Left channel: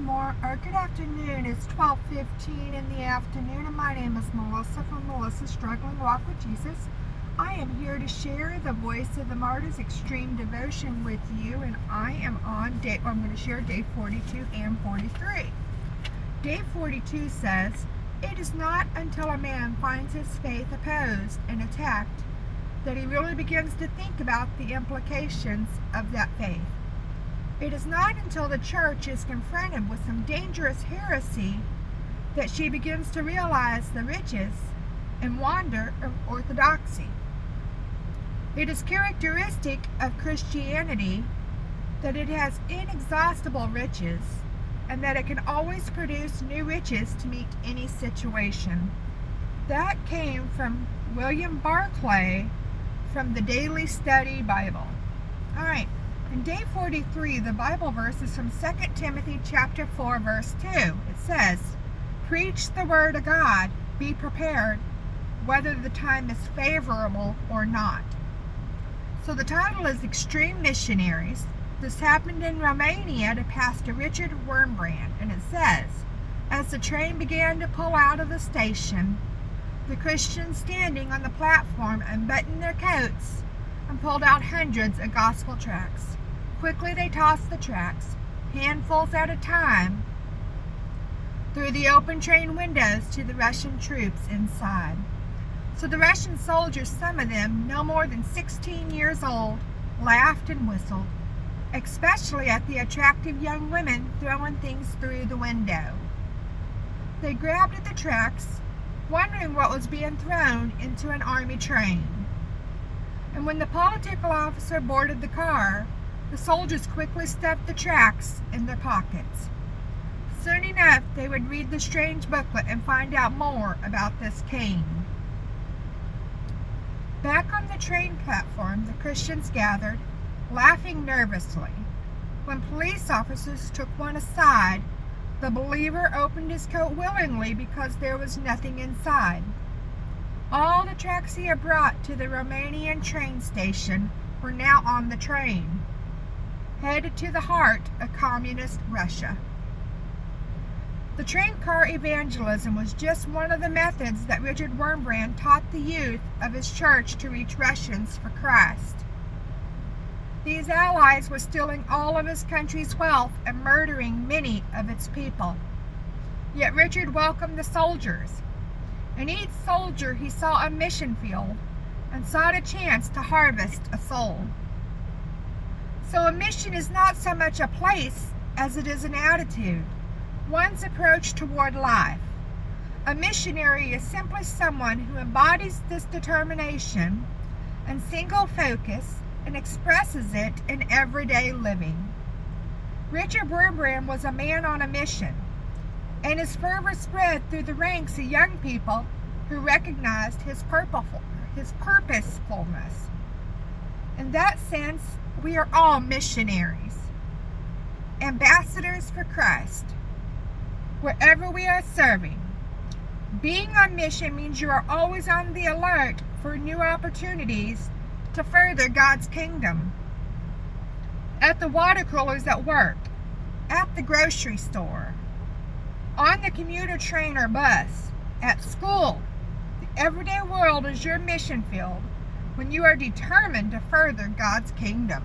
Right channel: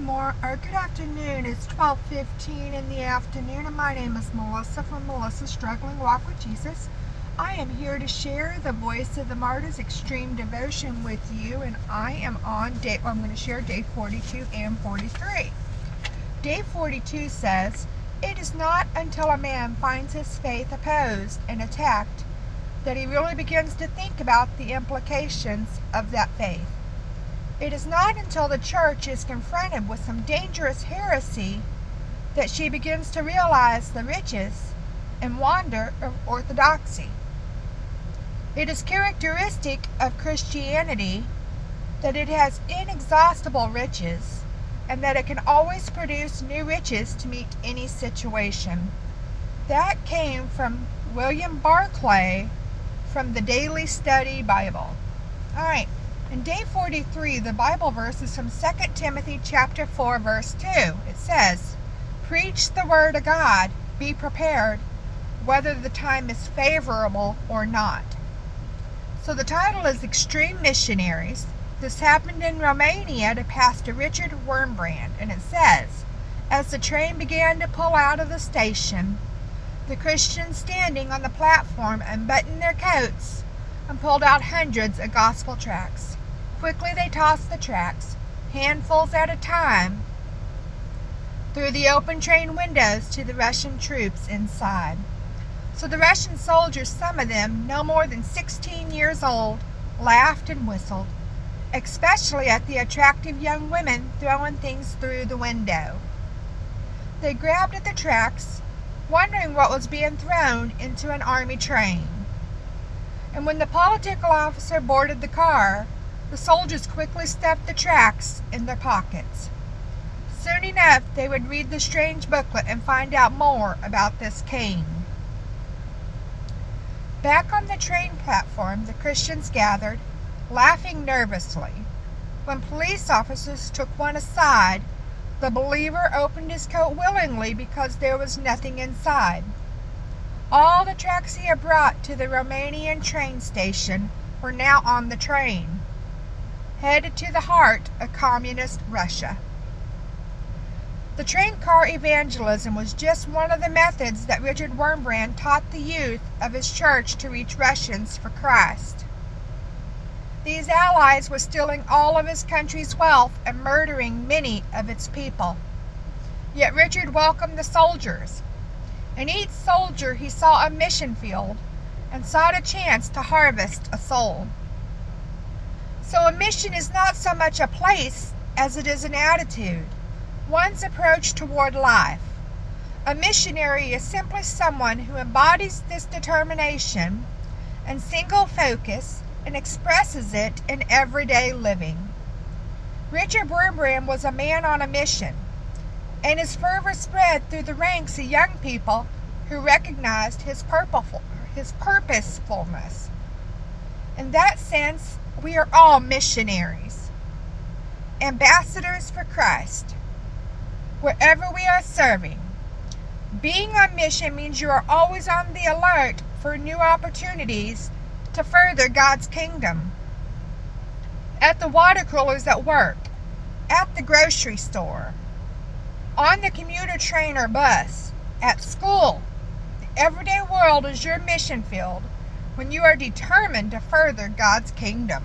Good afternoon. It's 12:15 in the afternoon, and my name is Melissa from Melissa's Struggling Walk with Jesus. I am here to share the Voice of the Martyrs Extreme Devotion with you, and I am on I'm going to share day 42 and 43. Day 42 says, "It is not until a man finds his faith opposed and attacked that he really begins to think about the implications of that faith. It is not until the church is confronted with some dangerous heresy that she begins to realize the riches and wonder of orthodoxy. It is characteristic of Christianity that it has inexhaustible riches and that it can always produce new riches to meet any situation." That came from William Barclay from the Daily Study Bible. All right. In day 43, the Bible verse is from 2 Timothy chapter 4, verse 2. It says, "Preach the word of God, be prepared, whether the time is favorable or not." So the title is Extreme Missionaries. This happened in Romania to Pastor Richard Wurmbrand, and it says, "As the train began to pull out of the station, the Christians standing on the platform unbuttoned their coats and pulled out hundreds of gospel tracts. Quickly they tossed the tracts, handfuls at a time, through the open train windows to the Russian troops inside. So the Russian soldiers, some of them no more than 16 years old, laughed and whistled, especially at the attractive young women throwing things through the window. They grabbed at the tracts, wondering what was being thrown into an army train. And when the political officer boarded the car, the soldiers quickly stuffed the tracts in their pockets. Soon enough, they would read the strange booklet and find out more about this king. Back on the train platform, the Christians gathered, laughing nervously. When police officers took one aside, the believer opened his coat willingly because there was nothing inside. All the tracts he had brought to the Romanian train station were now on the train, headed to the heart of communist Russia. The train car evangelism was just one of the methods that Richard Wurmbrand taught the youth of his church to reach Russians for Christ. These allies were stealing all of his country's wealth and murdering many of its people. Yet Richard welcomed the soldiers. In each soldier he saw a mission field and sought a chance to harvest a soul. So a mission is not so much a place as it is an attitude, one's approach toward life. A missionary is simply someone who embodies this determination and single focus and expresses it in everyday living. Richard Wurmbrand was a man on a mission, and his fervor spread through the ranks of young people who recognized his purposefulness. In that sense, we are all missionaries, ambassadors for Christ, wherever we are serving. Being on mission means you are always on the alert for new opportunities to further God's kingdom. At the water coolers at work, at the grocery store, on the commuter train or bus, at school, the everyday world is your mission field when you are determined to further God's kingdom.